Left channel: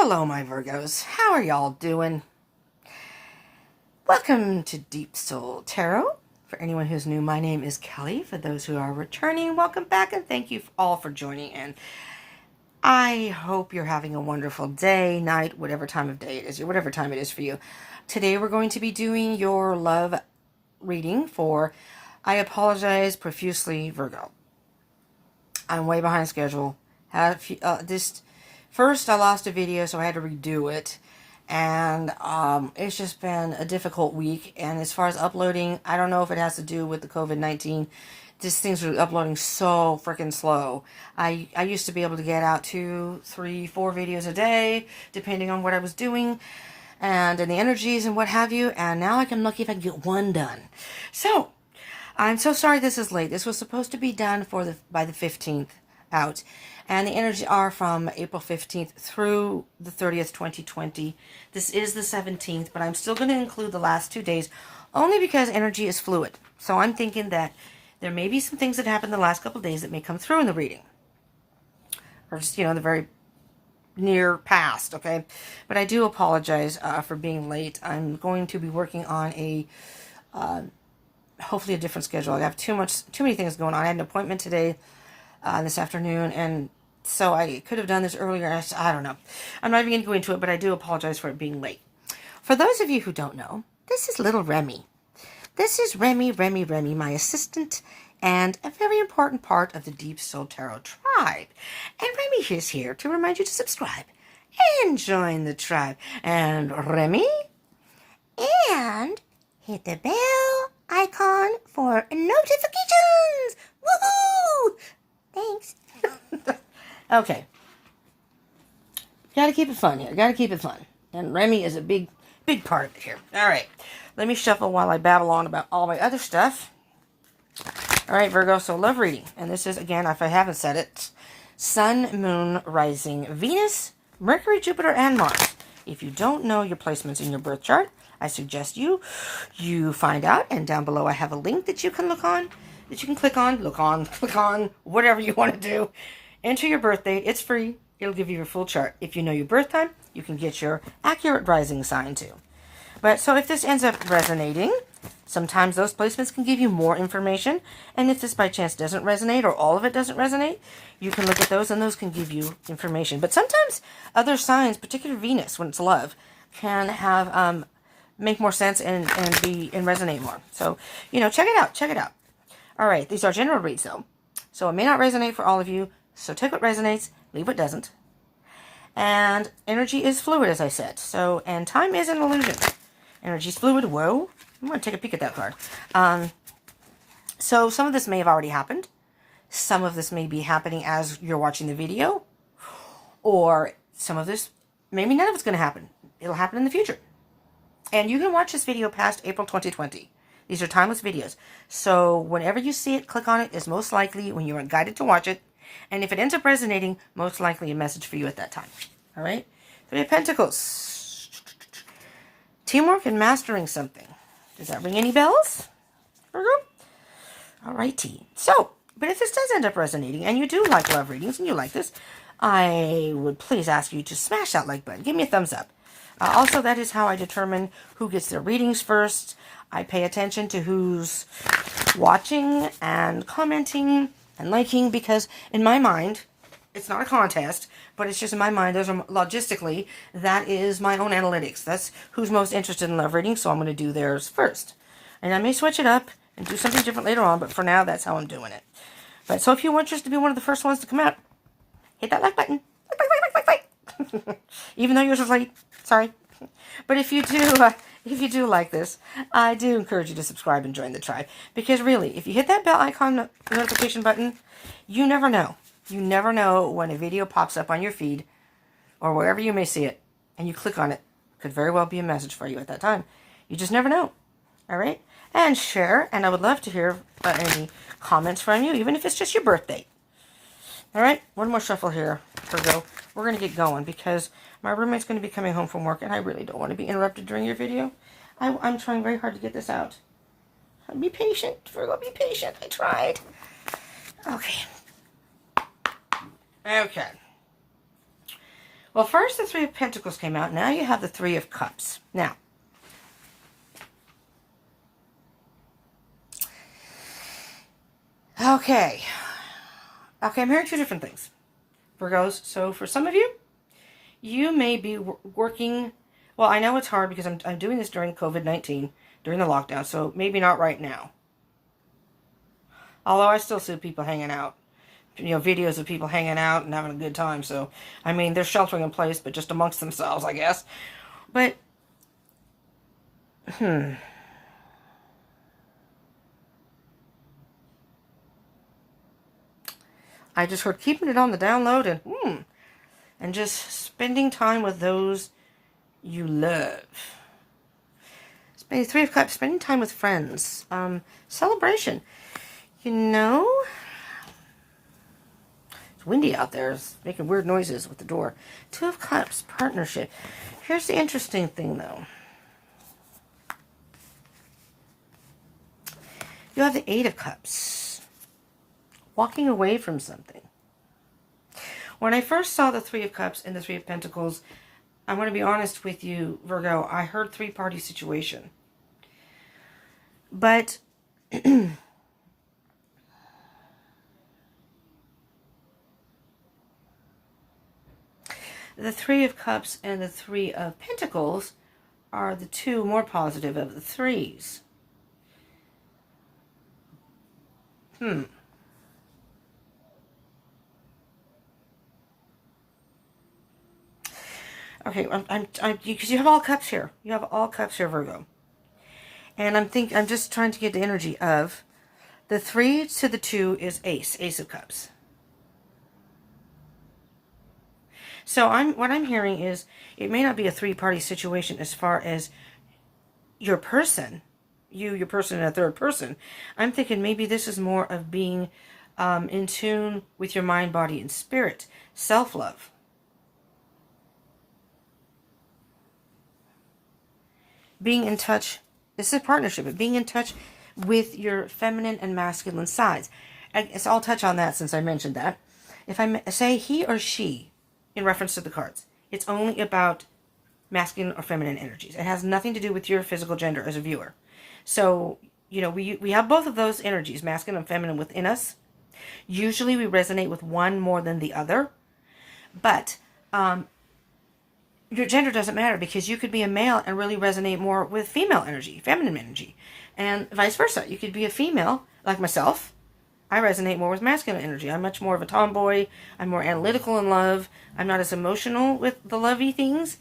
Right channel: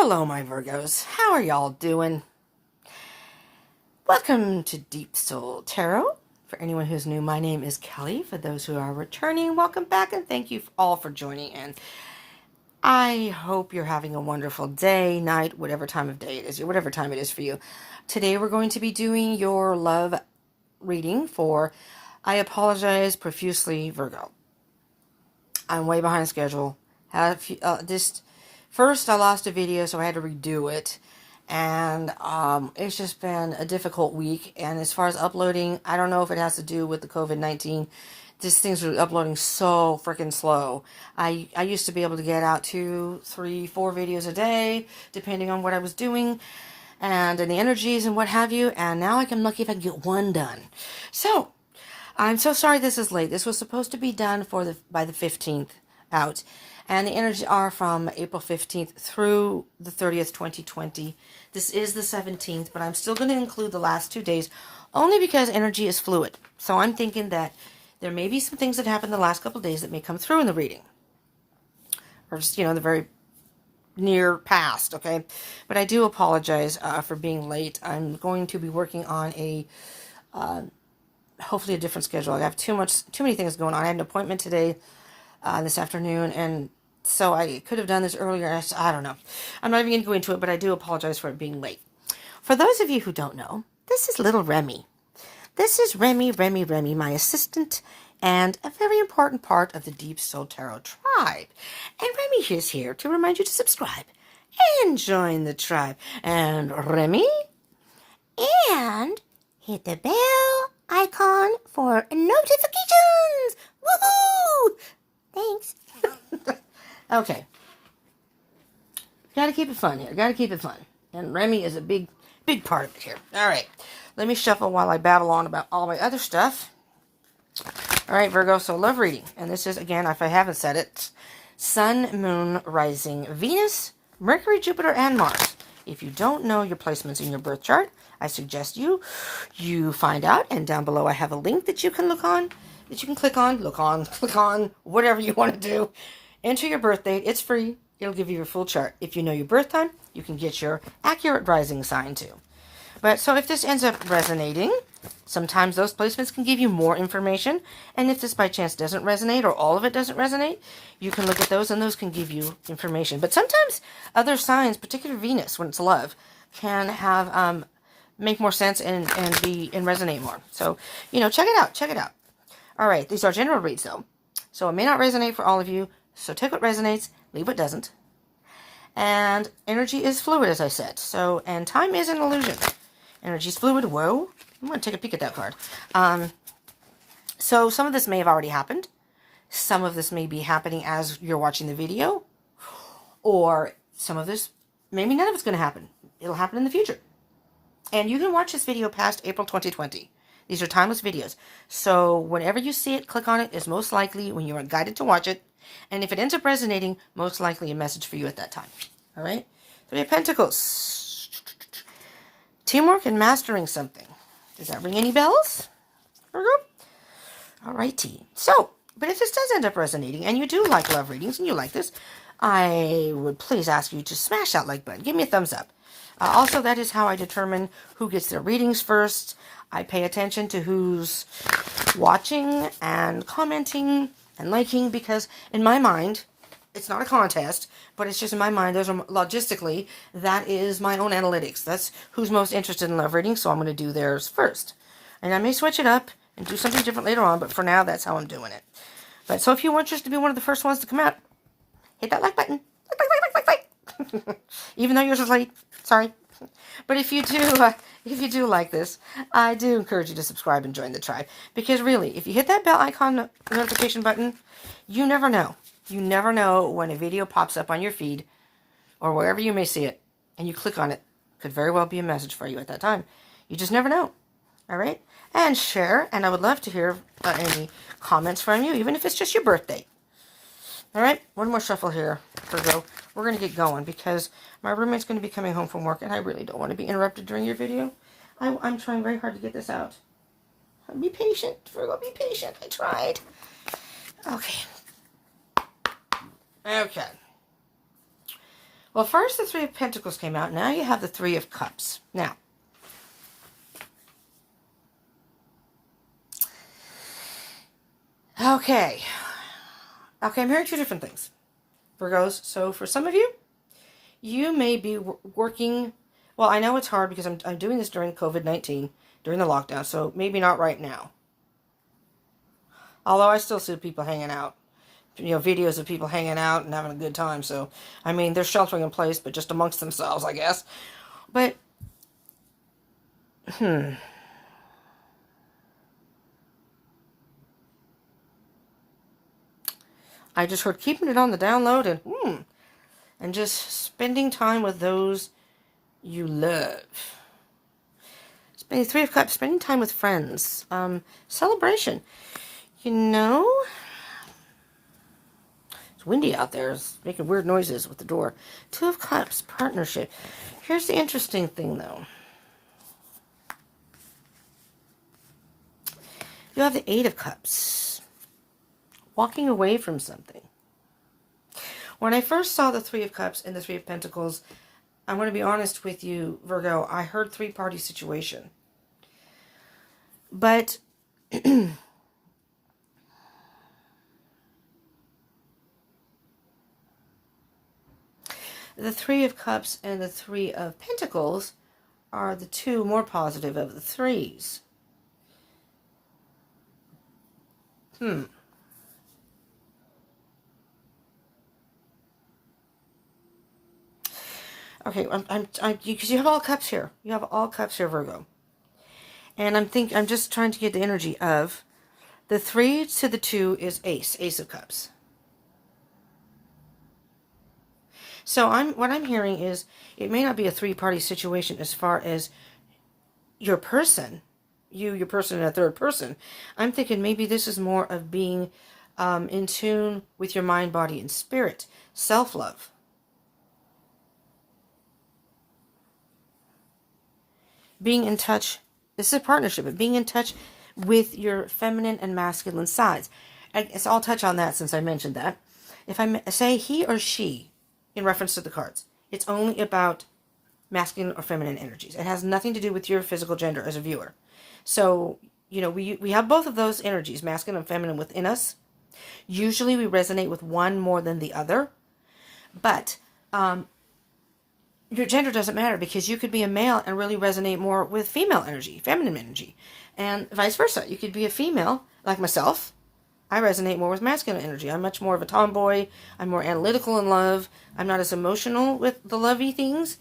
Hello, my Virgos. How are y'all doing? Welcome to Deep Soul Tarot. For anyone who's new, my name is Kelly. For those who are returning, welcome back, and thank you all for joining in. I hope you're having a wonderful day, night, whatever time of day it is, whatever time it is for you. Today we're going to be doing your love reading for, I apologize profusely, Virgo. I'm way behind schedule. First, I lost a video, so I had to redo it. And it's just been a difficult week. And as far as uploading, I don't know if it has to do with the COVID-19. These things are uploading so freaking slow. I used to be able to get out 2, 3, 4 videos a day, depending on what I was doing and the energies and what have you. And now I'm lucky if I can get one done. So, I'm so sorry this is late. This was supposed to be done by the 15th out. And the energies are from April 15th through the 30th, 2020. This is the 17th, but I'm still going to include the last 2 days only because energy is fluid. So I'm thinking that there may be some things that happened the last couple of days that may come through in the reading. Or just, the very near past, okay? But I do apologize for being late. I'm going to be working on hopefully a different schedule. I have too many things going on. I had an appointment today, this afternoon, and so I could have done this earlier. I don't know. I'm not even going to go into it, but I do apologize for it being late. For those of you who don't know, this is little Remy. This is Remy, my assistant, and a very important part of the Deep Soul Tarot tribe. And Remy is here to remind you to subscribe and join the tribe. And Remy, and hit the bell icon for notifications. Woohoo! Thanks. Okay. Gotta keep it fun here. Gotta keep it fun. And Remy is a big part of it here. All right. Let me shuffle while I babble on about all my other stuff. All right, Virgo. So love reading. And this is, again, if I haven't said it, Sun, Moon, Rising, Venus, Mercury, Jupiter, and Mars. If you don't know your placements in your birth chart, I suggest you find out. And down below I have a link that you can click on, whatever you want to do. Enter your birth date. It's free. It'll give you your full chart. If you know your birth time, you can get your accurate rising sign too. But so if this ends up resonating, sometimes those placements can give you more information. And if this by chance doesn't resonate or all of it doesn't resonate, you can look at those and those can give you information. But sometimes other signs, particularly Venus, when it's love, can have make more sense and resonate more. So, check it out. All right, these are general reads though. So it may not resonate for all of you. So take what resonates, leave what doesn't. And energy is fluid, as I said. So, and time is an illusion. Energy is fluid. Whoa. I'm going to take a peek at that card. So some of this may have already happened. Some of this may be happening as you're watching the video. Or some of this, maybe none of it's going to happen. It'll happen in the future. And you can watch this video past April 2020. These are timeless videos. So whenever you see it, click on it is most likely when you're guided to watch it. And if it ends up resonating, most likely a message for you at that time. All right? 3 of Pentacles. Teamwork and mastering something. Does that ring any bells? All righty. So, but if this does end up resonating, and you do like love readings, and you like this, I would please ask you to smash that like button. Give me a thumbs up. Also, that is how I determine who gets their readings first. I pay attention to who's watching and commenting and liking, because in my mind, it's not a contest, but it's just in my mind, those are logistically, that is my own analytics. That's who's most interested in love reading, so I'm going to do theirs first. And I may switch it up and do something different later on, but for now, that's how I'm doing it. But so if you want just to be one of the first ones to come out, hit that like button. Like. Even though yours was late. Sorry. But if you do like this, I do encourage you to subscribe and join the tribe. Because really, if you hit that bell icon notification button, you never know. You never know when a video pops up on your feed or wherever you may see it, and you click on it. Could very well be a message for you at that time. You just never know. All right? And share, and I would love to hear any comments from you, even if it's just your birthday. All right? One more shuffle here, Virgo. We're going to get going because my roommate's going to be coming home from work, and I really don't want to be interrupted during your video. I'm trying very hard to get this out. Be patient, Virgo. Be patient. I tried. Okay. Well, first the Three of Pentacles came out. Now you have the Three of Cups. Now, okay, I'm hearing two different things, Virgos. So for some of you, you may be working. Well, I know it's hard because I'm doing this during COVID-19, during the lockdown, so maybe not right now. Although I still see people hanging out. You know, videos of people hanging out and having a good time. So, I mean, they're sheltering in place, but just amongst themselves, I guess. But, I just heard keeping it on the download and just spending time with those you love. Spending Three of Cups, spending time with friends. Celebration. You know, it's windy out there. It's making weird noises with the door. Two of Cups, partnership. Here's the interesting thing, though. You have the Eight of Cups. Walking away from something. When I first saw the Three of Cups and the Three of Pentacles, I want to be honest with you, Virgo, I heard three-party situation. But the Three of Cups and the Three of Pentacles are the two more positive of the threes. Okay, because you have all cups here. You have all cups here, Virgo. And I'm just trying to get the energy of the 3 to the 2 is Ace of Cups. So what I'm hearing is it may not be a three-party situation as far as your person, your person and a third person. I'm thinking maybe this is more of being in tune with your mind, body, and spirit. Self-love. Being in touch. This is a partnership, but being in touch with your feminine and masculine sides. So I'll touch on that since I mentioned that. If I say he or she, in reference to the cards, it's only about masculine or feminine energies. It has nothing to do with your physical gender as a viewer. So, you know, we have both of those energies, masculine and feminine, within us. Usually we resonate with one more than the other. But your gender doesn't matter, because you could be a male and really resonate more with female energy, feminine energy. And vice versa. You could be a female, like myself. I resonate more with masculine energy. I'm much more of a tomboy. I'm more analytical in love. I'm not as emotional with the lovey things.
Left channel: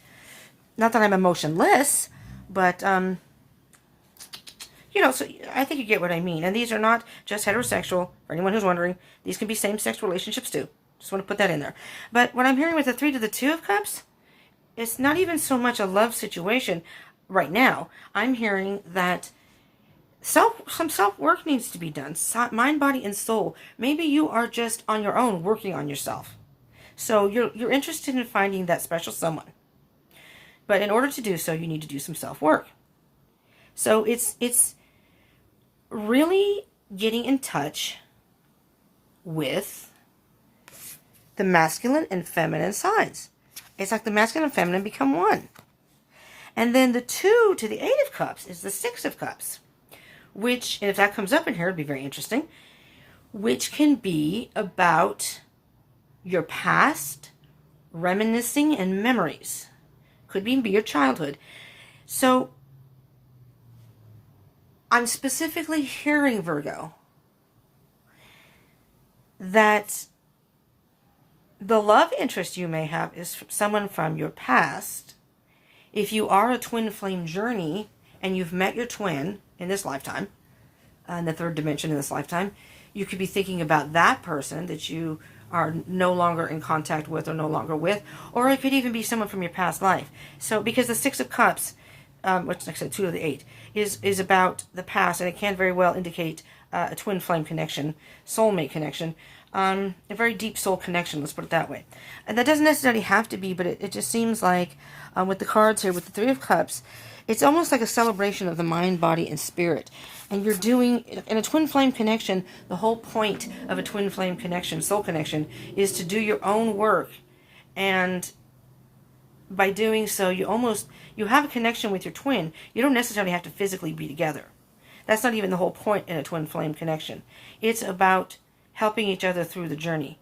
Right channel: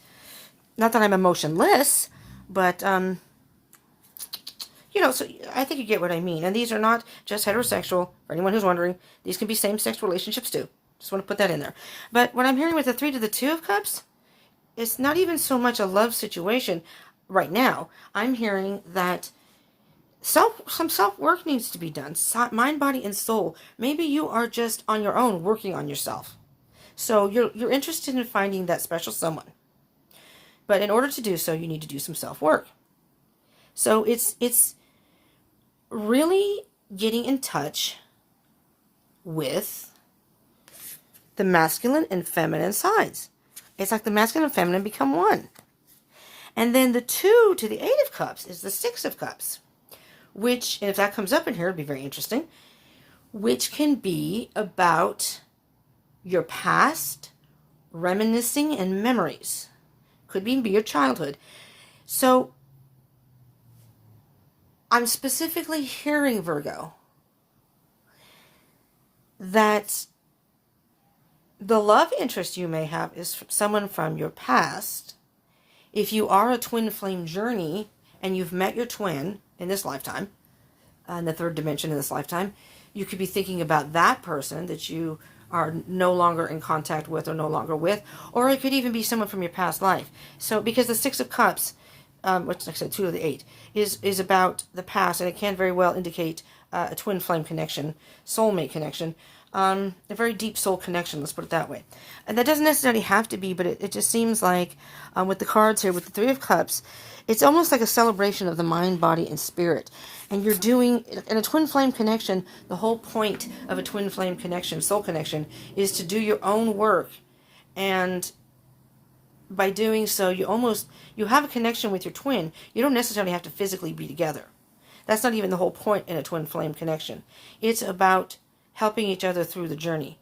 Not that I'm emotionless, but, you know, so I think you get what I mean. And these are not just heterosexual. For anyone who's wondering, these can be same-sex relationships too. Just want to put that in there. But what I'm hearing with the 3 to the 2 of Cups, it's not even so much a love situation right now. I'm hearing that some self-work needs to be done. Mind, body, and soul. Maybe you are just on your own working on yourself. So you're interested in finding that special someone. But in order to do so, you need to do some self-work. So it's really getting in touch with the masculine and feminine sides. It's like the masculine and feminine become one. And then the 2 to the 8 of Cups is the 6 of Cups. Which, and if that comes up in here, it'd be very interesting. Which can be about your past, reminiscing, and memories. Could even be your childhood. So, I'm specifically hearing, Virgo, that the love interest you may have is someone from your past. If you are a twin flame journey and you've met your twin in this lifetime, in the third dimension in this lifetime, you could be thinking about that person that you are no longer in contact with or no longer with, or it could even be someone from your past life. So, because the 6 of Cups, which like I said, 2 of the 8, is about the past, and it can very well indicate a twin flame connection, soulmate connection, a very deep soul connection, let's put it that way. And that doesn't necessarily have to be, but it just seems like with the cards here, with the 3 of Cups, it's almost like a celebration of the mind, body, and spirit. And you're doing, in a twin flame connection, the whole point of a twin flame connection, soul connection, is to do your own work and by doing so, you have a connection with your twin. You don't necessarily have to physically be together. That's not even the whole point in a twin flame connection. It's about helping each other through the journey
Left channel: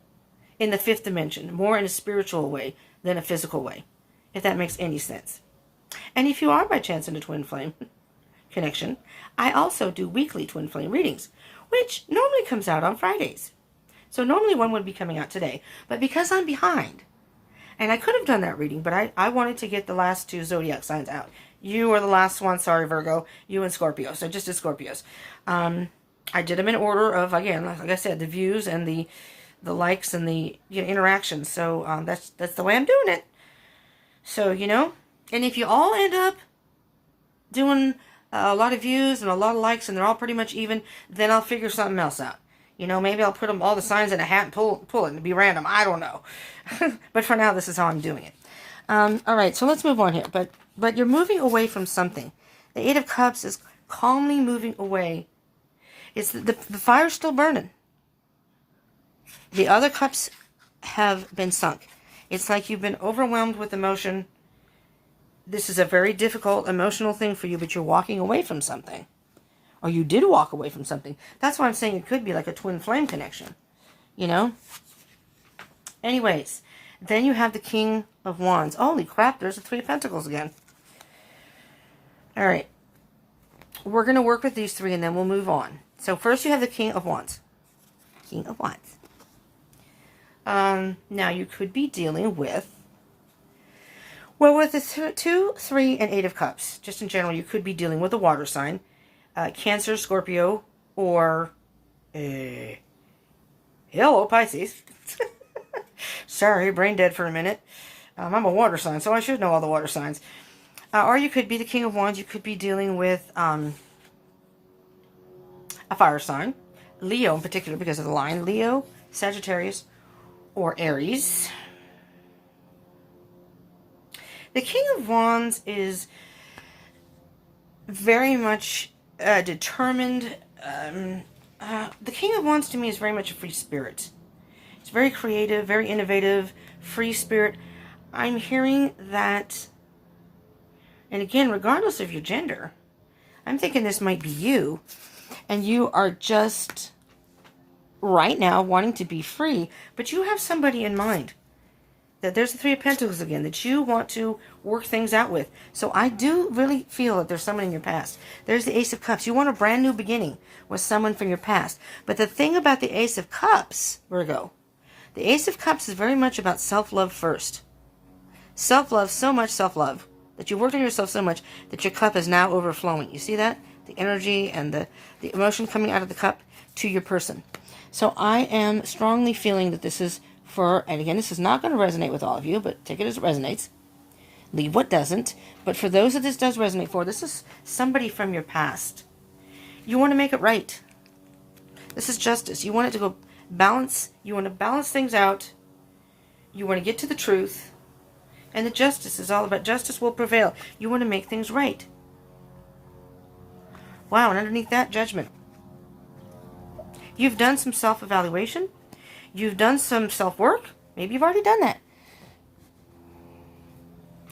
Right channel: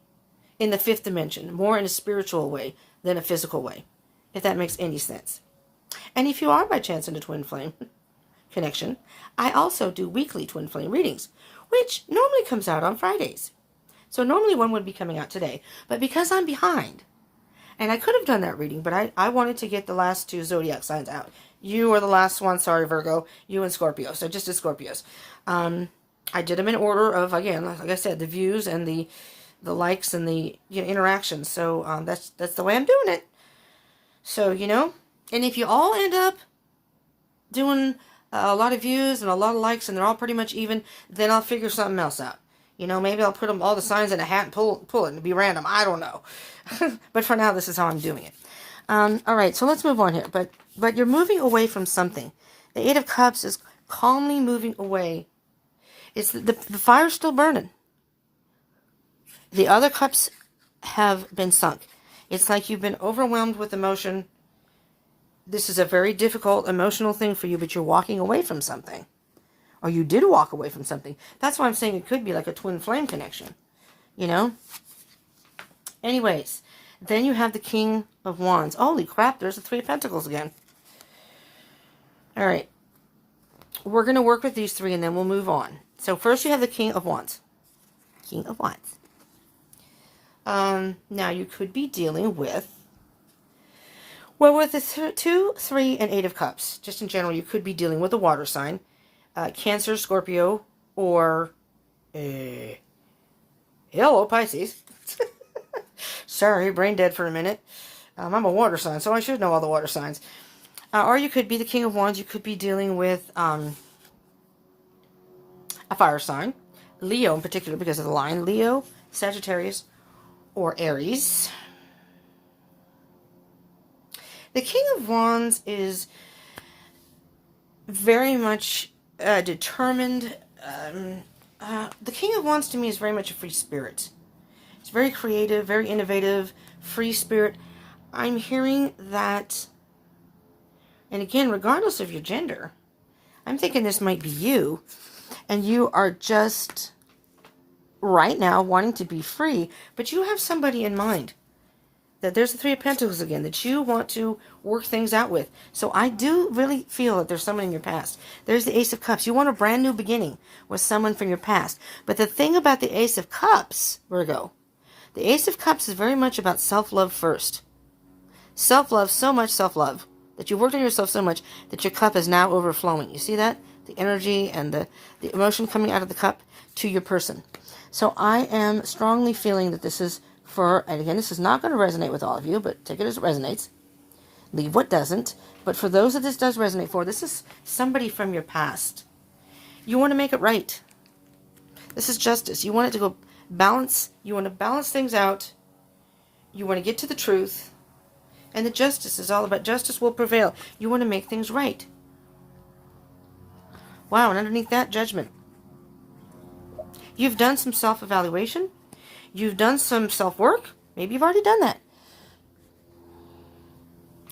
in the fifth dimension, more in a spiritual way than a physical way, if that makes any sense. And if you are by chance in a twin flame connection, I also do weekly twin flame readings, which normally comes out on Fridays. So normally one would be coming out today, but because I'm behind, and I could have done that reading, but I wanted to get the last 2 zodiac signs out. You are the last one, sorry Virgo, you and Scorpio, so just as Scorpios. I did them in order of, again, like I said, the views and the likes and the interactions. So that's the way I'm doing it. So, and if you all end up doing a lot of views and a lot of likes and they're all pretty much even, then I'll figure something else out. Maybe I'll put all the signs in a hat and pull it and be random. I don't know. But for now, this is how I'm doing it. All right, so let's move on here. But you're moving away from something. The Eight of Cups is calmly moving away. It's the fire's still burning. The other cups have been sunk. It's like you've been overwhelmed with emotion. This is a very difficult emotional thing for you, but you're walking away from something. Or you did walk away from something. That's why I'm saying it could be like a twin flame connection. Anyways, then you have the King of Wands. Holy crap, there's the Three of Pentacles again. All right. We're going to work with these three and then we'll move on. So first you have the King of Wands. King of Wands. Now you could be dealing with, well, with the 2, 3, and 8 of Cups. Just in general, you could be dealing with a water sign. Cancer, Scorpio, or hello, Pisces. Sorry, brain dead for a minute. I'm a water sign, so I should know all the water signs. Or you could be the King of Wands. You could be dealing with a fire sign. Leo in particular, because of the line. Leo, Sagittarius, or Aries. The King of Wands is very much determined. The King of Wands to me is very much a free spirit. It's very creative, very innovative, free spirit. I'm hearing that, and again, regardless of your gender, I'm thinking this might be you, and you are just right now wanting to be free, but you have somebody in mind. That there's the Three of Pentacles again, that you want to work things out with. So I do really feel that there's someone in your past. There's the Ace of Cups. You want a brand new beginning with someone from your past. But the thing about the Ace of Cups, Virgo, the Ace of Cups is very much about self-love first. Self-love, so much self-love, that you've worked on yourself so much that your cup is now overflowing. You see that? The energy and the emotion coming out of the cup to your person. So I am strongly feeling that this is for, and again, this is not going to resonate with all of you, but take it as it resonates. Leave what doesn't. But for those that this does resonate for, this is somebody from your past. You want to make it right. This is justice. You want it to go balance. You want to balance things out. You want to get to the truth. And the justice is all about justice will prevail. You want to make things right. Wow, and underneath that, judgment. You've done some self-evaluation. You've done some self-work. Maybe you've already done that.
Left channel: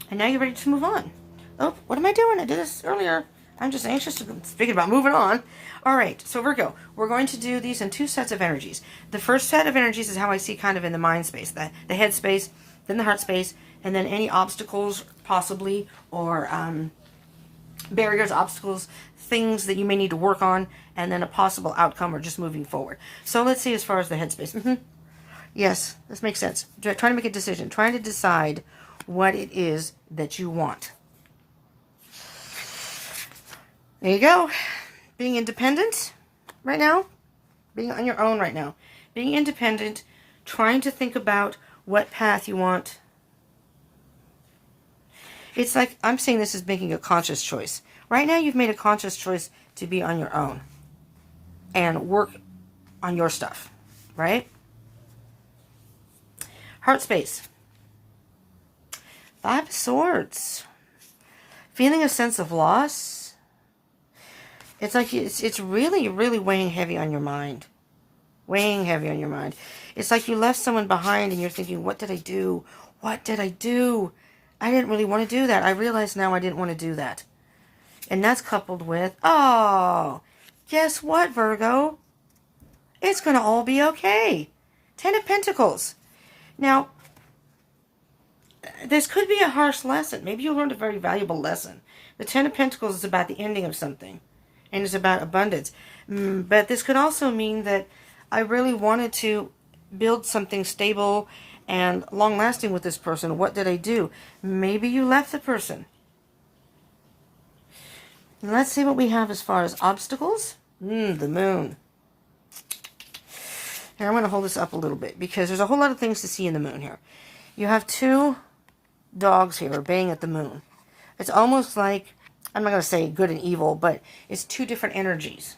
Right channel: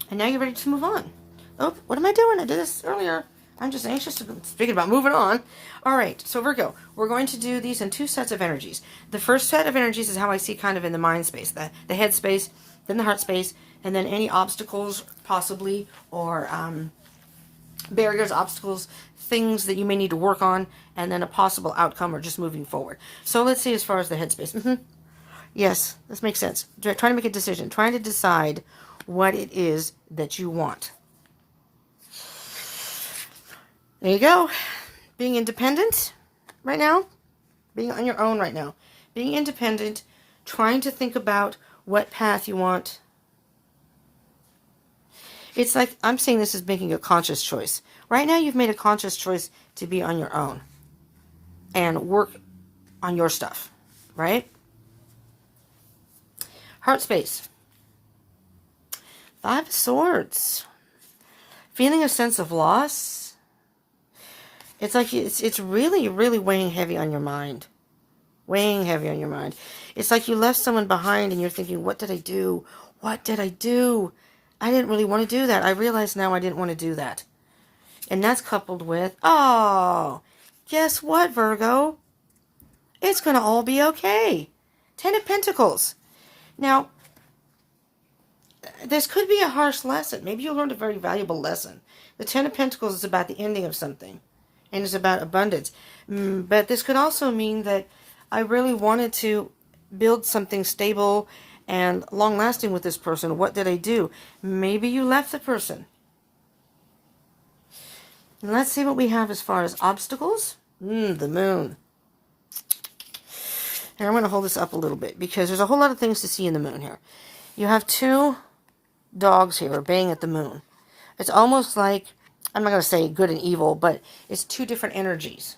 And now you're ready to move on. Oh, what am I doing? I did this earlier. I'm just anxious to speak about moving on. All right, so Virgo, we're going to do these in 2 sets of energies. The first set of energies is how I see kind of in the mind space, the head space, then the heart space, and then any obstacles possibly, or barriers, obstacles, things that you may need to work on, and then a possible outcome or just moving forward. So let's see as far as the headspace. Yes, this makes sense. Trying to make a decision. Trying to decide what it is that you want. There you go. Being independent right now. Being on your own right now. Being independent. Trying to think about what path you want. It's like, I'm saying this is making a conscious choice. Right now you've made a conscious choice to be on your own. And work on your stuff, right? Heart space. 5 of Swords. Feeling a sense of loss. It's like it's really, really weighing heavy on your mind. Weighing heavy on your mind. It's like you left someone behind and you're thinking, what did I do? What did I do? I didn't really want to do that. I realize now I didn't want to do that. And that's coupled with, oh, guess what, Virgo? It's going to all be okay. 10 of Pentacles. Now, this could be a harsh lesson. Maybe you learned a very valuable lesson. The 10 of Pentacles is about the ending of something. And it's about abundance. But this could also mean that I really wanted to build something stable and long-lasting with this person. What did I do? Maybe you left the person. Let's see what we have as far as obstacles. The moon. And I'm going to hold this up a little bit because there's a whole lot of things to see in the moon here. You have two dogs here baying at the moon. It's almost like, I'm not going to say good and evil, but it's two different energies.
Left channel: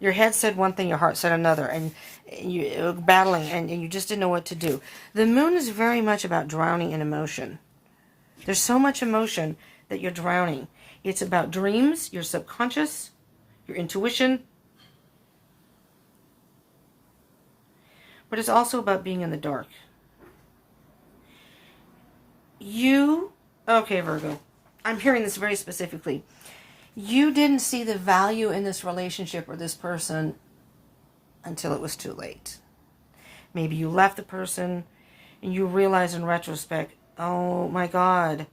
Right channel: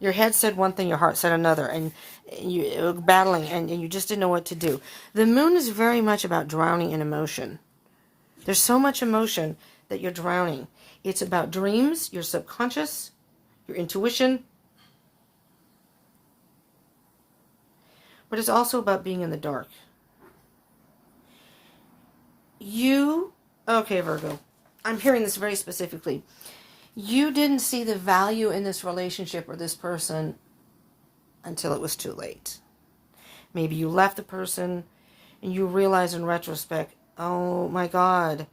Your head said one thing, your heart said another, and you battling, and you just didn't know what to do. The moon is very much about drowning in emotion. There's so much emotion that you're drowning. It's about dreams, your subconscious, your intuition. But it's also about being in the dark. Okay, Virgo, I'm hearing this very specifically. You didn't see the value in this relationship or this person until it was too late. Maybe you left the person and you realize in retrospect, oh my God,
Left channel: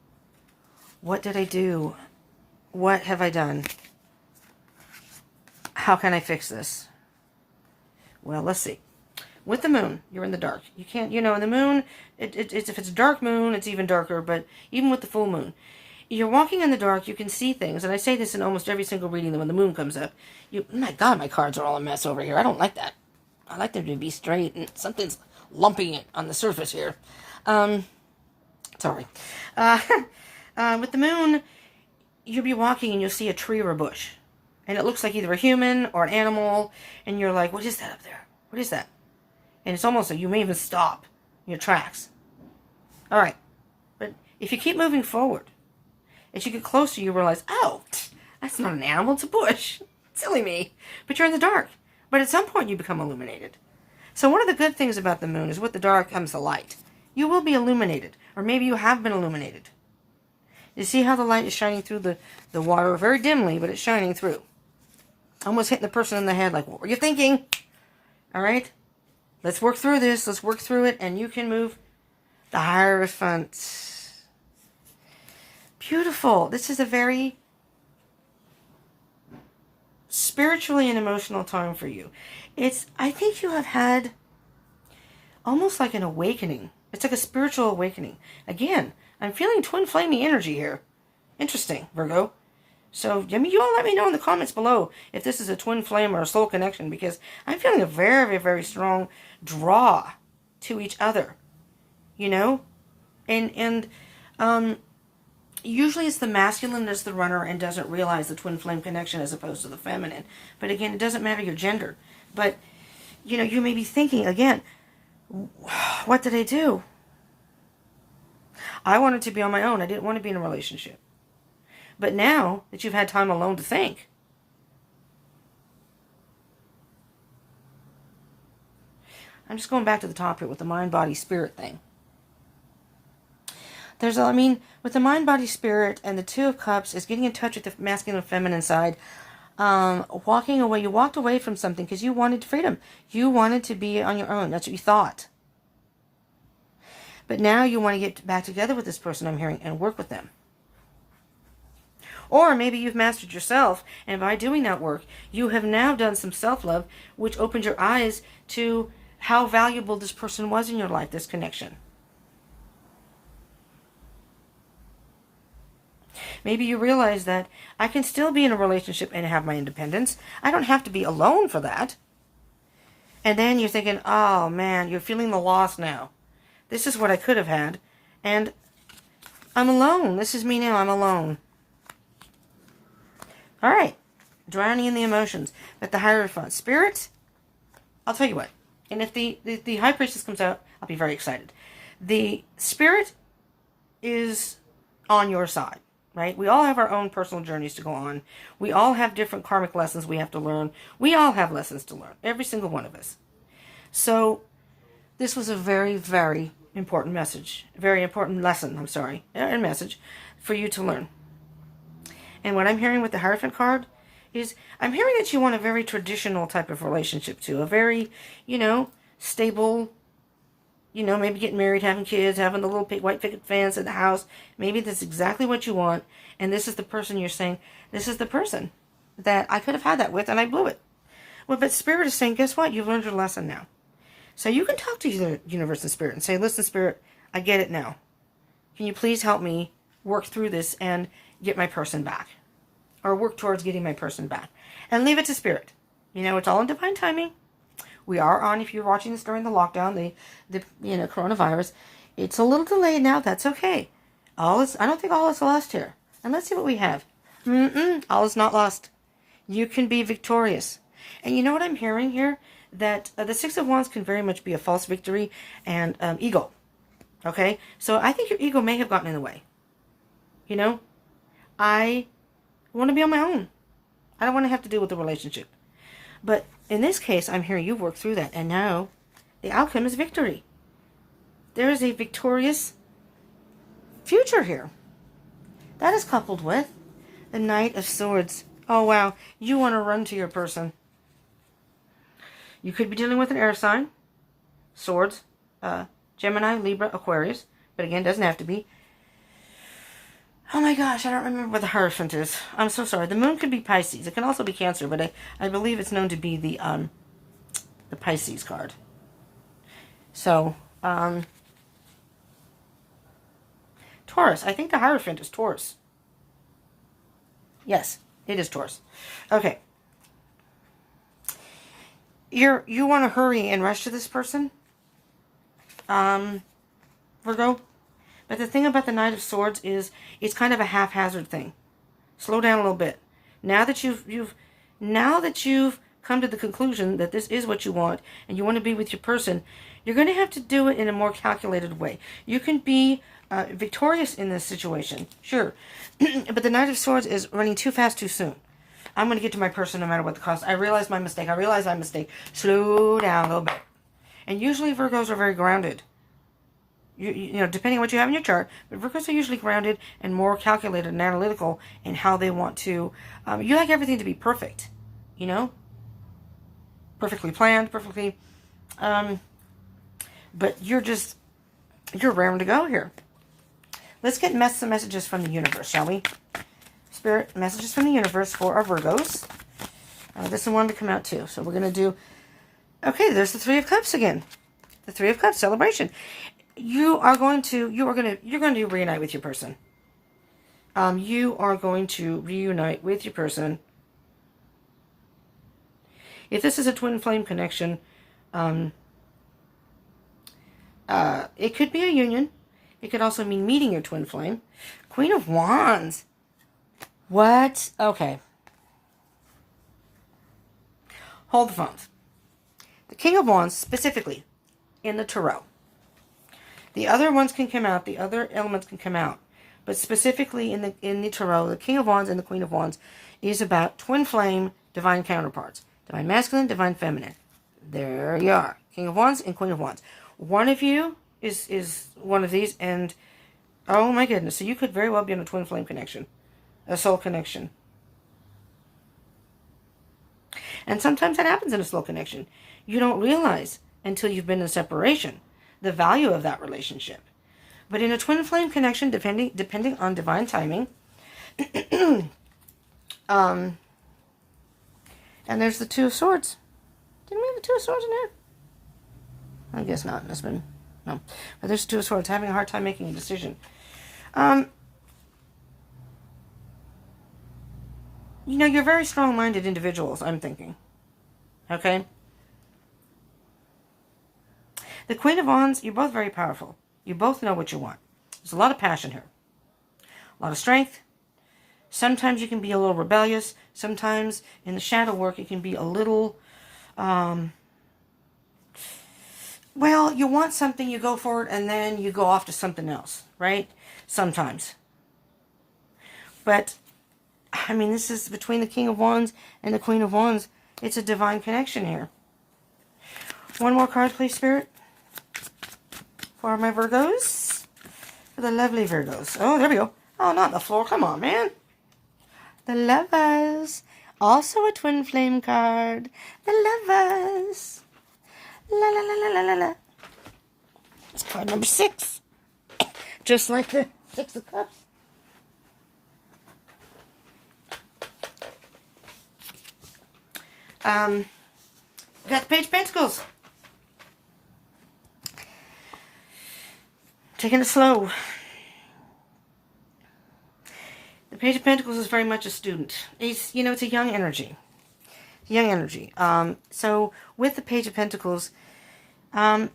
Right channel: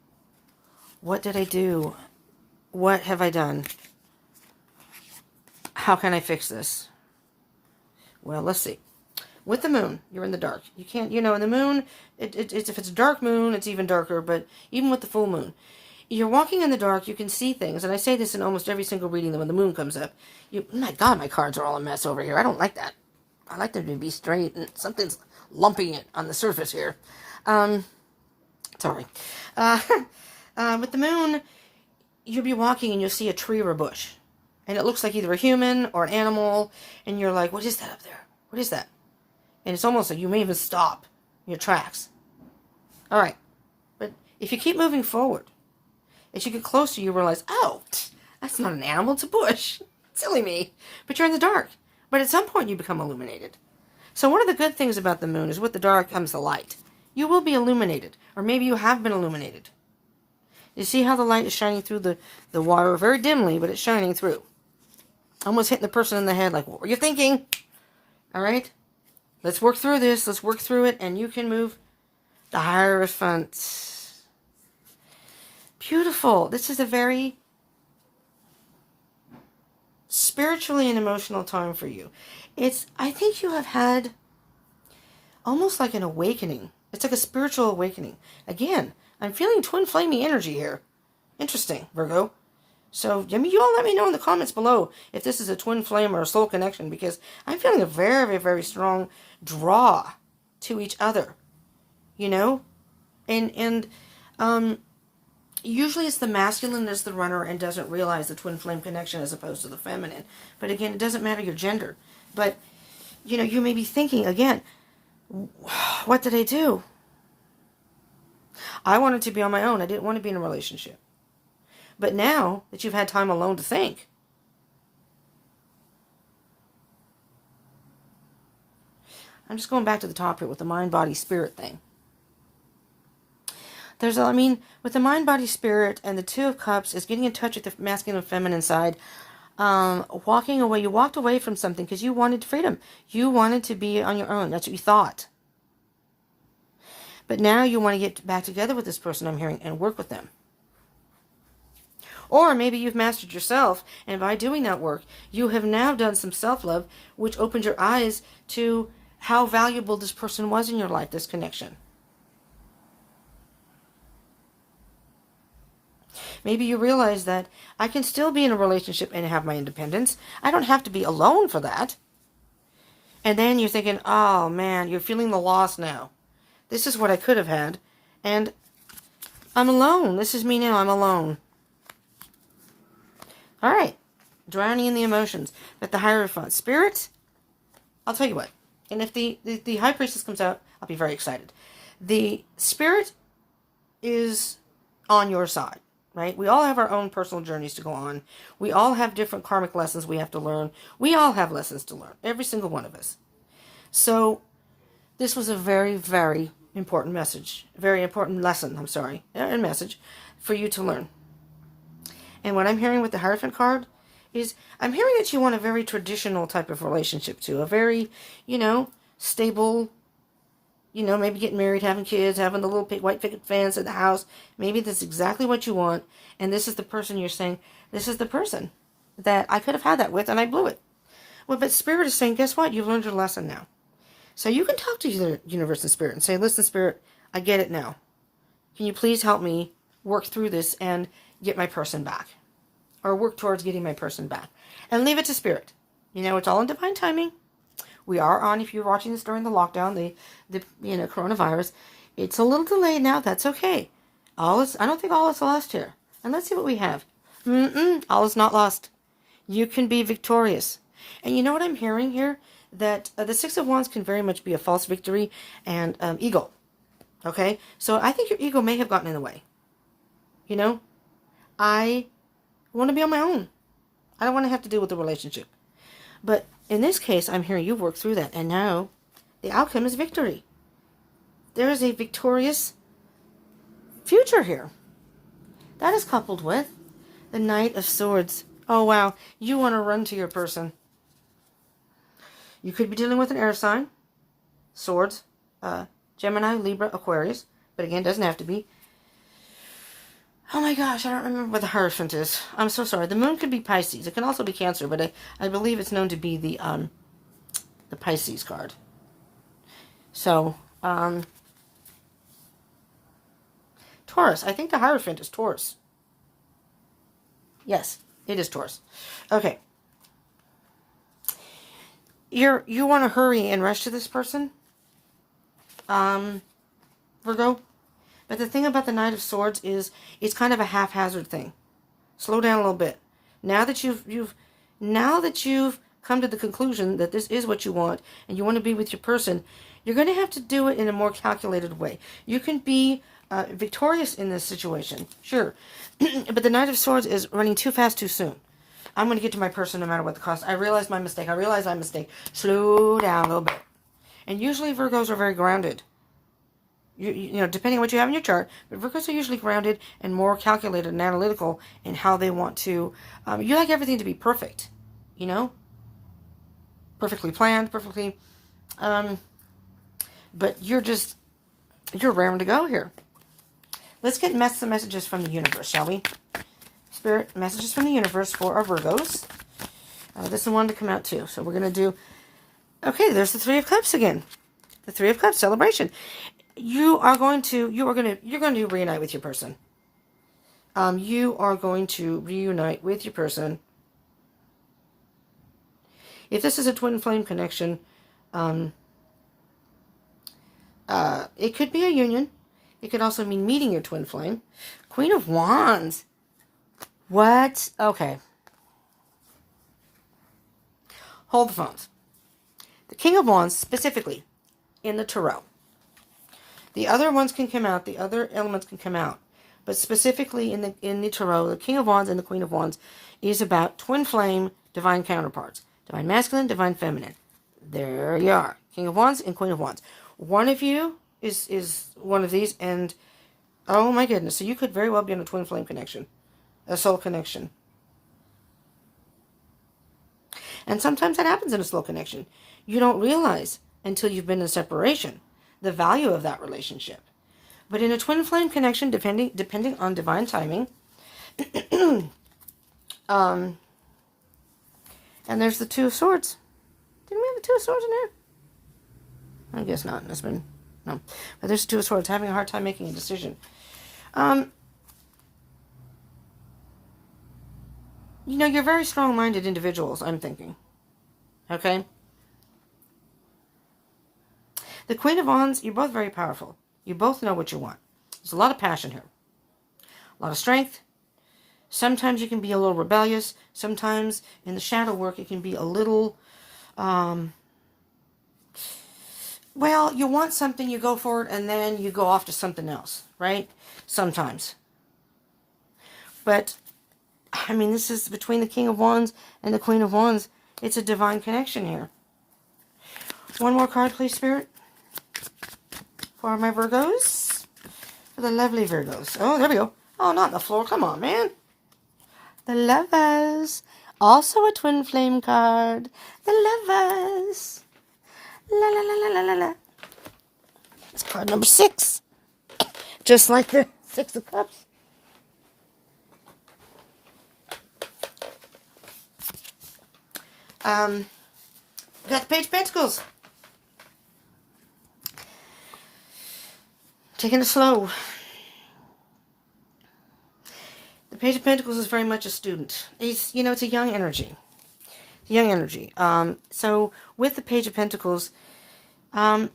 what did I do? What have I done? How can I fix this? Well, let's see. With the moon, you're in the dark. You can't, the moon, it's if it's a dark moon, it's even darker, but even with the full moon, you're walking in the dark, you can see things, and I say this in almost every single reading that when the moon comes up, my God, my cards are all a mess over here. I don't like that. I like them to be straight, and something's lumping it on the surface here. Sorry. With the moon, you'll be walking and you'll see a tree or a bush, and it looks like either a human or an animal, and you're like, what is that up there? What is that? And it's almost like you may even stop your tracks. All right. But if you keep moving forward, as you get closer, you realize, oh, that's not an animal, it's a bush. Silly me. But you're in the dark. But at some point, you become illuminated. So one of the good things about the moon is with the dark comes the light. You will be illuminated. Or maybe you have been illuminated. You see how the light is shining through the water very dimly, but it's shining through. Almost hitting the person in the head like, what were you thinking? All right? Let's work through this. Let's work through it. And you can move the Hierophant. Beautiful. This is a very spiritually and emotional time for you. I think you have had almost like an awakening. It's like a spiritual awakening. Again, I'm feeling twin flamey energy here. Interesting, Virgo. So, you all let me know in the comments below if this is a twin flame or a soul connection, because I'm feeling a very, very, very strong draw to each other, and usually it's the masculine that's the runner and doesn't realize the twin flame connection as opposed to the feminine. But again, it doesn't matter your gender. But, you may be thinking, again, what did I do? I wanted to be on my own. I didn't want to be in a relationship. But now that you've had time alone to think, I'm just going back to the top here with the mind, body, spirit thing. With the mind, body, spirit, and the Two of Cups is getting in touch with the masculine and feminine side. Walking away. You walked away from something because you wanted freedom. You wanted to be on your own. That's what you thought. But now you want to get back together with this person, I'm hearing, and work with them. Or maybe you've mastered yourself, and by doing that work, you have now done some self-love, which opened your eyes to how valuable this person was in your life, this connection. Maybe you realize that I can still be in a relationship and have my independence. I don't have to be alone for that. And then you're thinking, oh man, you're feeling the loss now. This is what I could have had, and I'm alone. This is me now, I'm alone. All right, drowning in the emotions. With the Hierophant. Spirit, I'll tell you what. And if the High Priestess comes out, I'll be very excited. The Spirit is on your side, right? We all have our own personal journeys to go on. We all have different karmic lessons we have to learn. We all have lessons to learn. Every single one of us. So, this was a very, very important message. A very important lesson, I'm sorry. And message for you to learn. And what I'm hearing with the Hierophant card is, I'm hearing that you want a very traditional type of relationship too. A very, stable, maybe getting married, having kids, having the little white picket fence in the house. Maybe that's exactly what you want. And this is the person you're saying, this is the person that I could have had that with and I blew it. Well, but Spirit is saying, guess what? You've learned your lesson now. So you can talk to the universe and Spirit and say, listen, Spirit, I get it now. Can you please help me work through this and get my person back? Or work towards getting my person back. And leave it to Spirit. It's all in divine timing. We are on, if you're watching this during the lockdown, the coronavirus. It's a little delayed now. That's okay. I don't think all is lost here. And let's see what we have. All is not lost. You can be victorious. And you know what I'm hearing here? That the Six of Wands can very much be a false victory and ego. Okay? So I think your ego may have gotten in the way. I want to be on my own. I don't want to have to deal with the relationship. But in this case, I'm hearing you've worked through that. And now the outcome is victory. There is a victorious future here. That is coupled with the Knight of Swords. Oh, wow. You want to run to your person. You could be dealing with an air sign. Swords. Gemini, Libra, Aquarius. But again, doesn't have to be. Oh my gosh, I don't remember what the Hierophant is. I'm so sorry. The Moon could be Pisces. It can also be Cancer, but I believe it's known to be the Pisces card. So, Taurus. I think the Hierophant is Taurus. Yes, it is Taurus. Okay. You want to hurry and rush to this person, Virgo. But the thing about the Knight of Swords is it's kind of a haphazard thing. Slow down a little bit. Now that you've come to the conclusion that this is what you want and you want to be with your person, you're going to have to do it in a more calculated way. You can be victorious in this situation, sure. But the Knight of Swords is running too fast too soon. I'm going to get to my person no matter what the cost. I realize my mistake. Slow down a little bit. And usually Virgos are very grounded. You know, depending on what you have in your chart, but Virgos are usually grounded and more calculated and analytical in how they want to. You like everything to be perfect, perfectly planned, perfectly. But you're raring to go here. Let's get some messages from the universe, shall we? Spirit, messages from the universe for our Virgos. This one to come out too. So we're gonna do. Okay, there's the Three of Cups again. The Three of Cups celebration. You're going to reunite with your person. You are going to reunite with your person. If this is a twin flame connection, it could be a union. It could also mean meeting your twin flame. Queen of Wands. What? Okay. Hold the phones. The King of Wands, specifically, in the Tarot. The other ones can come out. The other elements can come out. But specifically in the Tarot, the King of Wands and the Queen of Wands is about twin flame, divine counterparts. Divine masculine, divine feminine. There you are. King of Wands and Queen of Wands. One of you is one of these, and oh my goodness. So you could very well be in a twin flame connection. A soul connection. And sometimes that happens in a soul connection. You don't realize until you've been in separation the value of that relationship. But in a twin flame connection, depending on divine timing, and there's the Two of Swords. Didn't we have the Two of Swords in here? I guess not. It's been no. But there's the Two of Swords, having a hard time making a decision. You're very strong-minded individuals, I'm thinking. Okay? The Queen of Wands, you're both very powerful. You both know what you want. There's a lot of passion here. A lot of strength. Sometimes you can be a little rebellious. Sometimes in the shadow work it can be a little, well, you want something, you go for it, and then you go off to something else, right? Sometimes. But, I mean, this is between the King of Wands and the Queen of Wands. It's a divine connection here. One more card, please, Spirit. For for my Virgos. For the lovely Virgos. Oh, there we go. Oh, not on the floor. Come on, man. The Lovers. Also a twin flame card. The Lovers. La la la la la la la. It's card number 6. Just like the 6 of Cups. We got the Page of Pentacles. Taking it slow. The Page of Pentacles is very much a student. It's, you know, it's a young energy. Young energy. So with the Page of Pentacles, because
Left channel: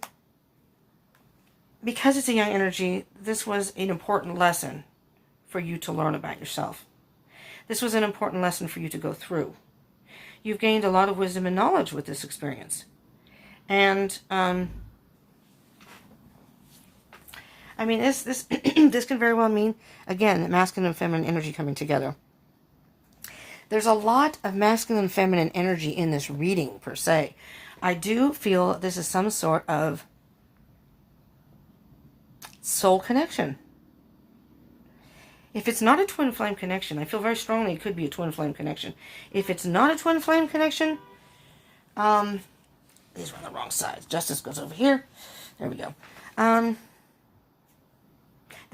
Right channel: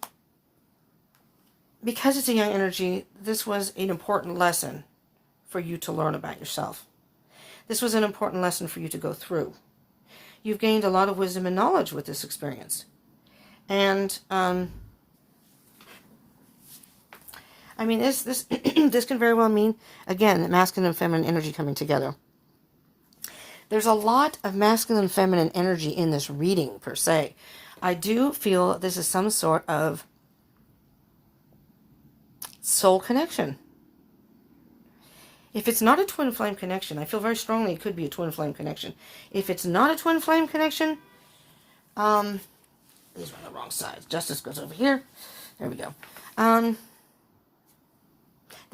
it's a young energy, this was an important lesson for you to learn about yourself. This was an important lesson for you to go through. You've gained a lot of wisdom and knowledge with this experience. And, I mean, this this can very well mean, again, masculine and feminine energy coming together. There's a lot of masculine and feminine energy in this reading, per se. I do feel this is some sort of soul connection. If it's not a twin flame connection, I feel very strongly it could be a twin flame connection. If it's not a twin flame connection, these were on the wrong side. Justice goes over here. There we go. Then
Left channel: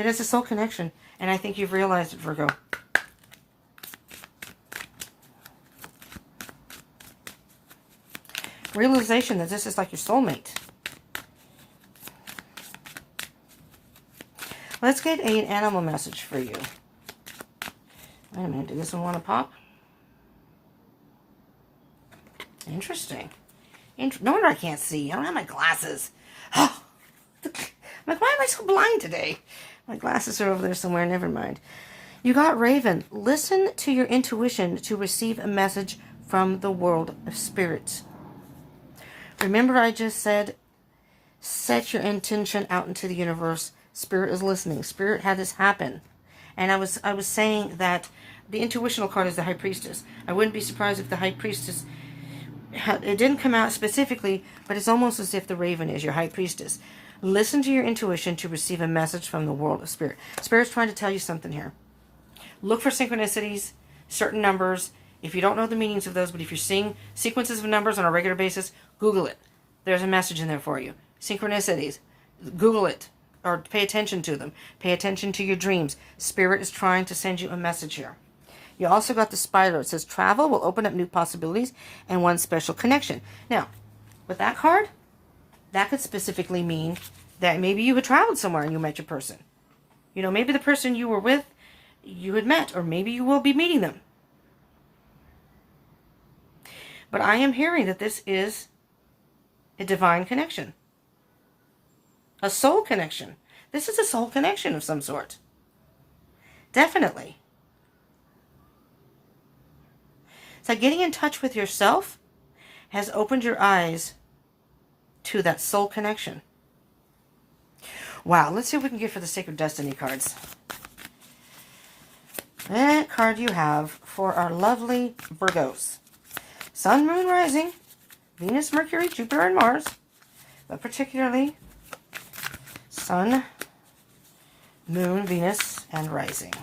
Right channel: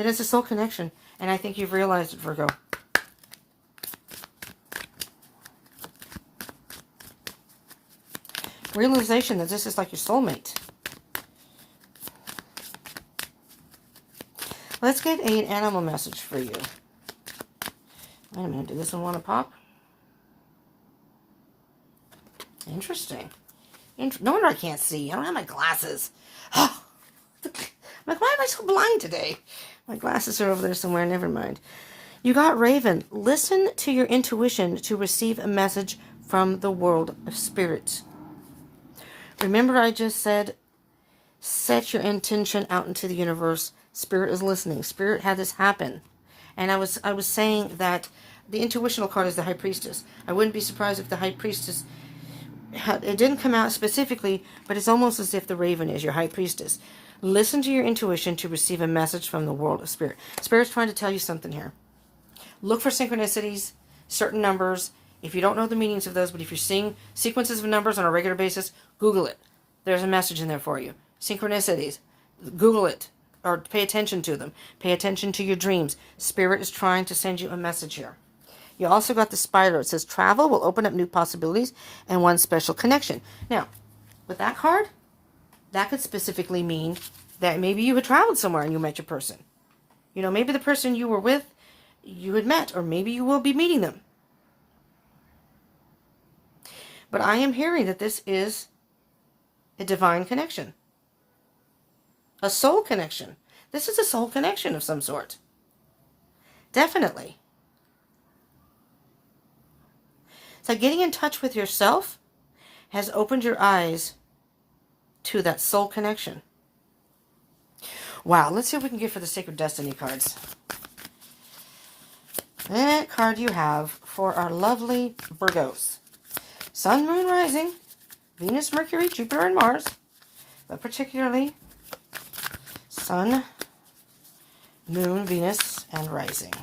it's a soul connection, and I think you've realized it, Virgo. Realization that this is like your soulmate. Let's get an animal message for you. Wait a minute, did this one want to pop? Interesting. No wonder I can't see. I don't have my glasses. Oh, I'm like, why am I so blind today? My glasses are over there somewhere. Never mind. You got Raven. Listen to your intuition to receive a message from the world of spirit. Remember I just said, set your intention out into the universe. Spirit is listening. Spirit had this happen. And I was saying that the intuitional card is the High Priestess. I wouldn't be surprised if the High Priestess it didn't come out specifically, but it's almost as if the Raven is your High Priestess. Listen to your intuition to receive a message from the world of spirit. Spirit's trying to tell you something here. Look for synchronicities, certain numbers. If you don't know the meanings of those, but if you're seeing sequences of numbers on a regular basis, Google it. There's a message in there for you. Synchronicities. Google it. Or pay attention to them. Pay attention to your dreams. Spirit is trying to send you a message here. You also got the spider. It says travel will open up new possibilities and one special connection. Now, with that card, that could specifically mean that maybe you had traveled somewhere and you met your person. You know, maybe the person you were with, you had met, or maybe you will be meeting them. But I am hearing that this is a divine connection. A soul connection. This is a soul connection of some sort. Definitely. So getting in touch with yourself has opened your eyes to that soul connection. Wow, let's see what we can get for the Sacred Destiny cards. That card you have for our lovely Virgos. Sun, Moon, Rising, Venus, Mercury, Jupiter, and Mars. But particularly Sun, Moon, Venus, and Rising.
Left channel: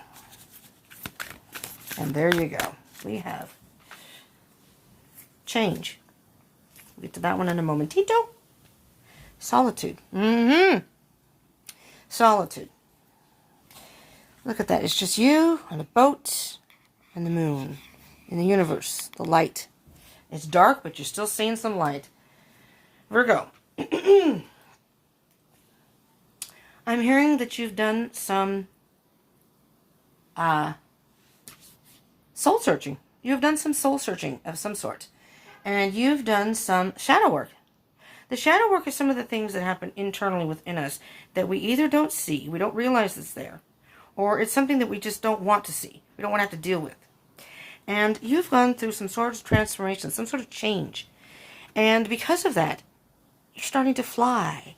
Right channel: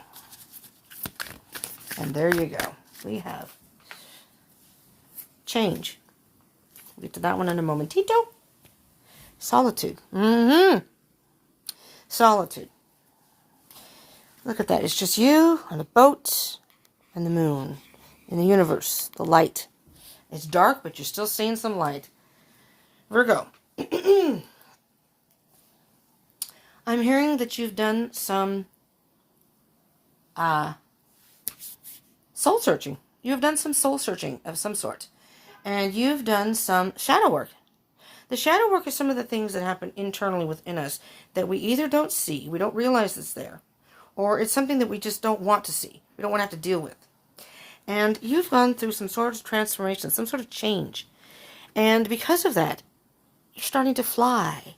And there you go. We have change. We'll get to that one in a momentito. Solitude. Solitude. Look at that. It's just you and a boat and the moon in the universe. The light. It's dark, but you're still seeing some light. Virgo. I'm hearing that you've done some soul searching. You've done some soul searching of some sort. And you've done some shadow work. The shadow work is some of the things that happen internally within us that we either don't see, we don't realize it's there, or it's something that we just don't want to see. We don't want to have to deal with. And you've gone through some sort of transformation, some sort of change. And because of that, you're starting to fly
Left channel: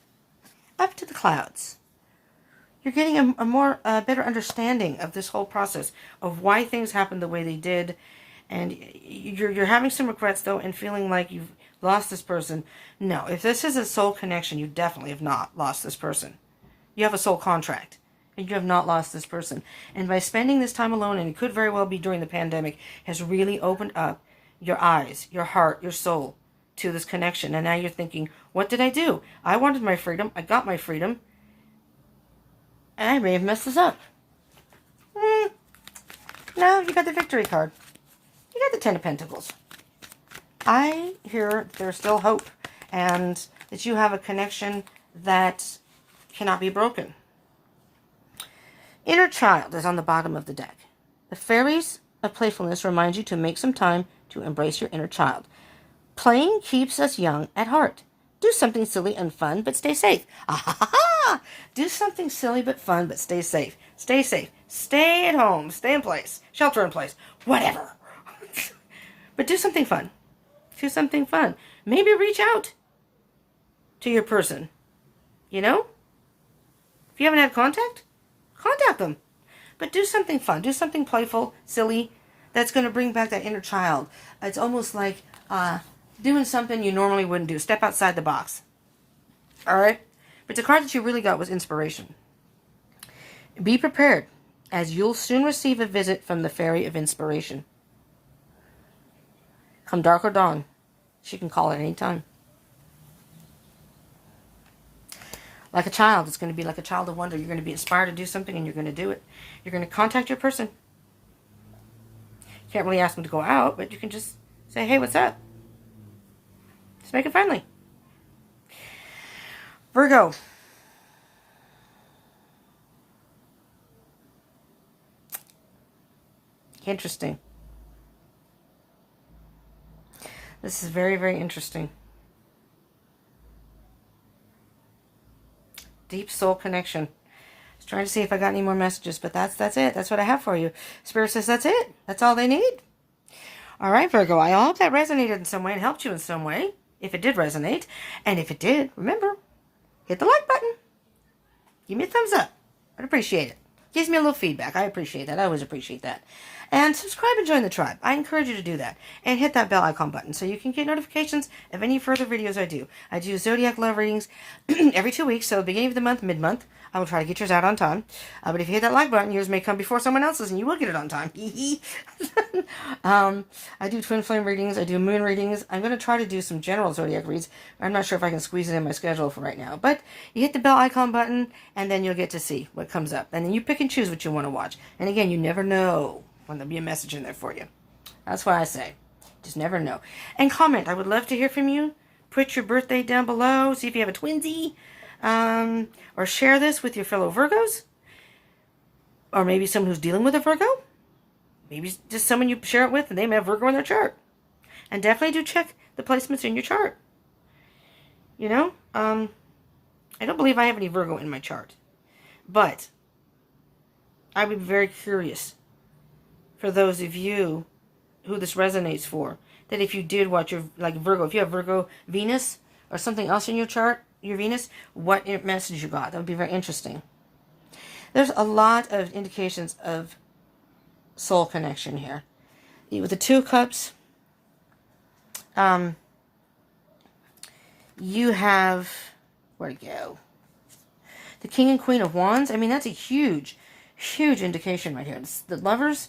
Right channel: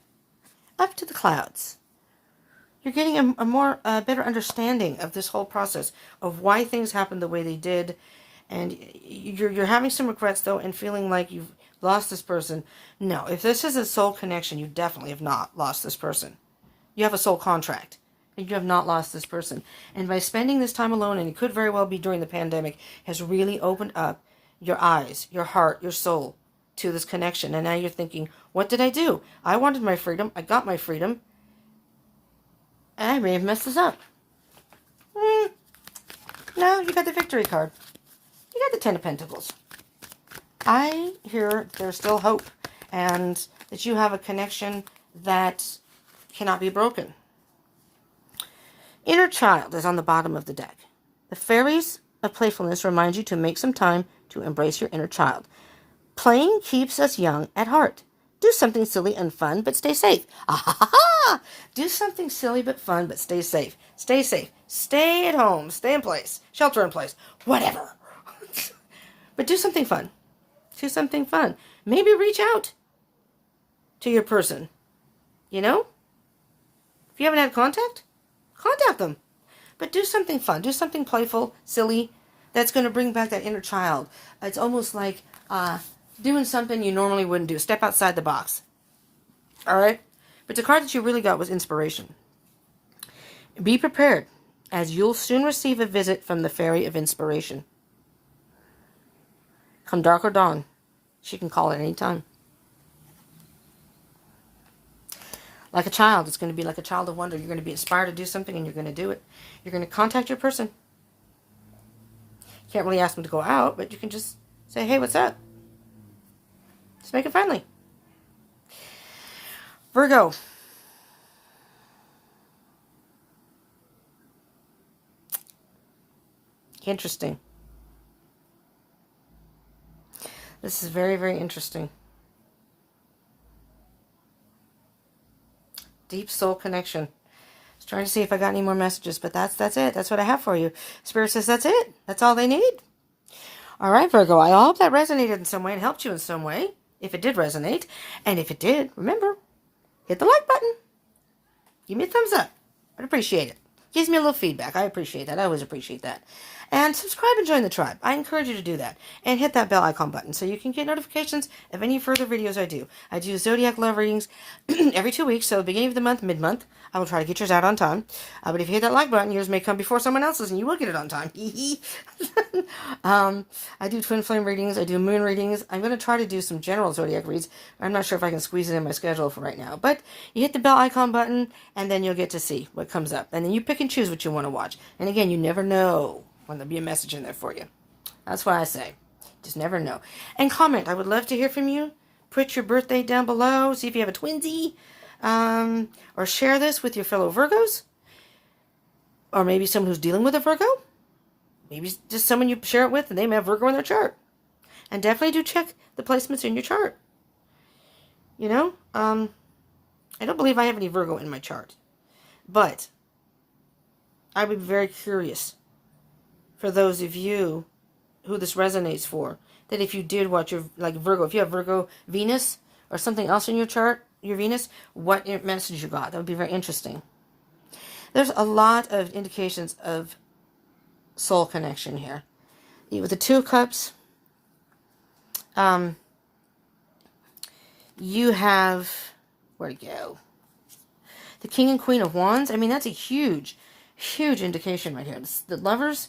up to the clouds. You're getting a better understanding of this whole process, of why things happened the way they did. And you're having some regrets, though, and feeling like you've lost this person. No, if this is a soul connection, you definitely have not lost this person. You have a soul contract. And you have not lost this person. And by spending this time alone, and it could very well be during the pandemic, has really opened up your eyes, your heart, your soul to this connection. And now you're thinking, what did I do? I wanted my freedom. I got my freedom. And I may have messed this up. No, you got the Victory card. You got the Ten of Pentacles. I hear there's still hope. And that you have a connection that cannot be broken. Inner Child is on the bottom of the deck. The fairies of playfulness remind you to make some time to embrace your inner child. Playing keeps us young at heart. Do something silly and fun, but stay safe. Ah-ha-ha-ha! Do something silly but fun, but stay safe. Stay safe. Stay at home. Stay in place. Shelter in place. Whatever. But do something fun. Do something fun. Maybe reach out to your person. You know? If you haven't had contact them. But do something fun. Do something playful, silly, that's going to bring back that inner child. It's almost like doing something you normally wouldn't do. Step outside the box. All right? But the card that you really got was inspiration. Be prepared, as you'll soon receive a visit from the Fairy of Inspiration. Come dark or dawn, she can call at any time. Like a child, it's going to be like a child of wonder. You're going to be inspired to do something and you're going to do it. You're going to contact your person. Can't really ask them to go out, but you can just say, hey, what's up? Just make it friendly. Virgo. Interesting. This is very, very interesting. Deep soul connection. I was trying to see if I got any more messages, but that's it. That's what I have for you. Spirit says that's it. That's all they need. All right, Virgo. I hope that resonated in some way and helped you in some way, if it did resonate. And if it did, remember, hit the like button. Give me a thumbs up. I'd appreciate it. Gives me a little feedback. I appreciate that. I always appreciate that. And subscribe and join the tribe. I encourage you to do that. And hit that bell icon button so you can get notifications of any further videos I do. I do Zodiac love readings every 2 weeks. So beginning of the month, mid-month, I will try to get yours out on time. But if you hit that like button, yours may come before someone else's and you will get it on time. I do twin flame readings. I do moon readings. I'm going to try to do some general Zodiac reads. I'm not sure if I can squeeze it in my schedule for right now. But you hit the bell icon button and then you'll get to see what comes up. And then you pick and choose what you want to watch. And again, you never know when there'll be a message in there for you. That's why I say, just never know. And comment. I would love to hear from you. Put your birthday down below. See if you have a twinsy. Or share this with your fellow Virgos. Or maybe someone who's dealing with a Virgo. Maybe just someone you share it with and they may have Virgo in their chart. And definitely do check the placements in your chart. You know, I don't believe I have any Virgo in my chart. But I would be very curious for those of you who this resonates for, that if you did watch your, like Virgo, if you have Virgo Venus or something else in your chart, your Venus, what message you got. That would be very interesting. There's a lot of indications of soul connection here. With the Two of Cups, you have, where'd it go? The King and Queen of Wands. I mean, that's a huge, huge indication right here. The Lovers.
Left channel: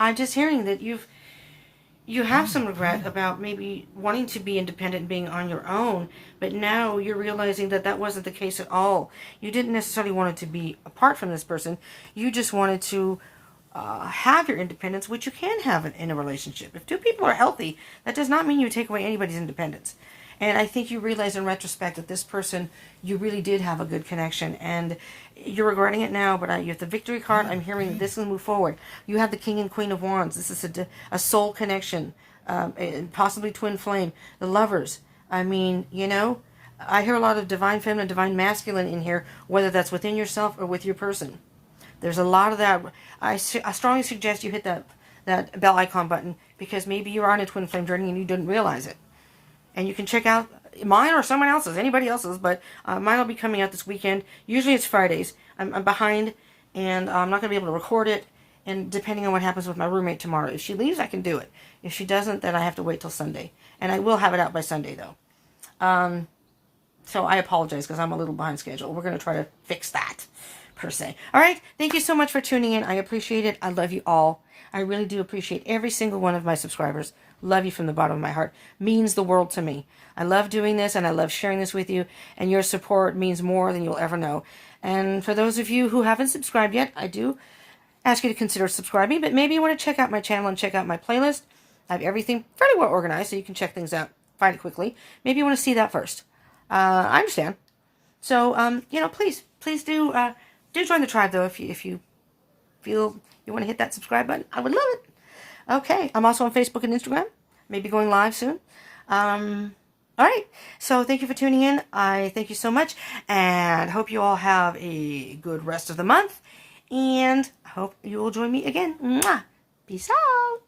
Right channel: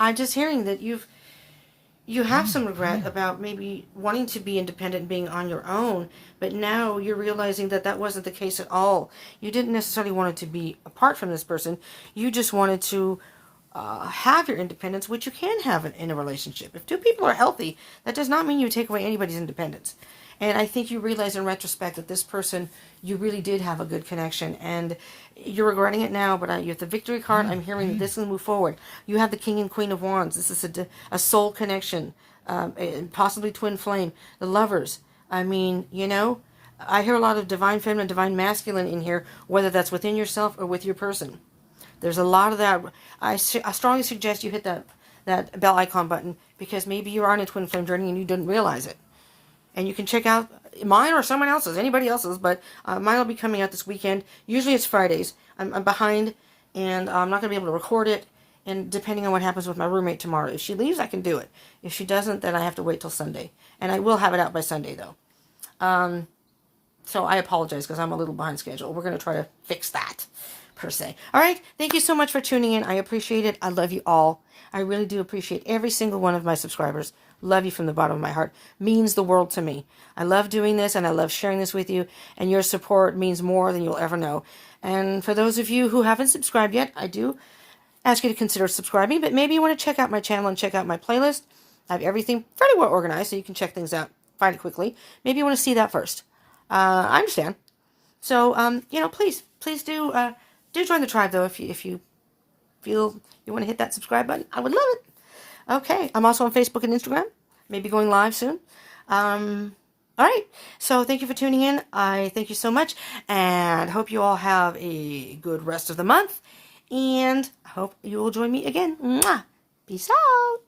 I'm just hearing that you have some regret about maybe wanting to be independent, being on your own, but now you're realizing that that wasn't the case at all. You didn't necessarily want to be apart from this person. You just wanted to have your independence, which you can have in a relationship. If two people are healthy, that does not mean you take away anybody's independence. And I think you realize in retrospect that this person, you really did have a good connection. And you're regretting it now, but you have the Victory card. I'm hearing this will move forward. You have the King and Queen of Wands. This is a soul connection, possibly twin flame. The Lovers. I mean, you know, I hear a lot of divine feminine, divine masculine in here, whether that's within yourself or with your person. There's a lot of that. I strongly suggest you hit that bell icon button because maybe you're on a twin flame journey and you didn't realize it. And you can check out mine or someone else's, anybody else's, but mine will be coming out this weekend. Usually it's Fridays. I'm behind, and I'm not going to be able to record it. And depending on what happens with my roommate tomorrow. If she leaves, I can do it. If she doesn't, then I have to wait till Sunday. And I will have it out by Sunday, though. So I apologize because I'm a little behind schedule. We're going to try to fix that, per se. All right. Thank you so much for tuning in. I appreciate it. I love you all. I really do appreciate every single one of my subscribers. Love you from the bottom of my heart. Means the world to me. I love doing this and I love sharing this with you. And your support means more than you'll ever know. And for those of you who haven't subscribed yet, I do ask you to consider subscribing. But maybe you want to check out my channel and check out my playlist. I have everything fairly well organized so you can check things out, find it quickly. Maybe you want to see that first. I understand. So, you know, please do join the tribe, though, if you feel you want to hit that subscribe button. I would love it. Okay. I'm also on Facebook and Instagram. Maybe going live soon. All right. So thank you for tuning in. I thank you so much. And hope you all have a good rest of the month. And I hope you will join me again. Mwah. Peace out.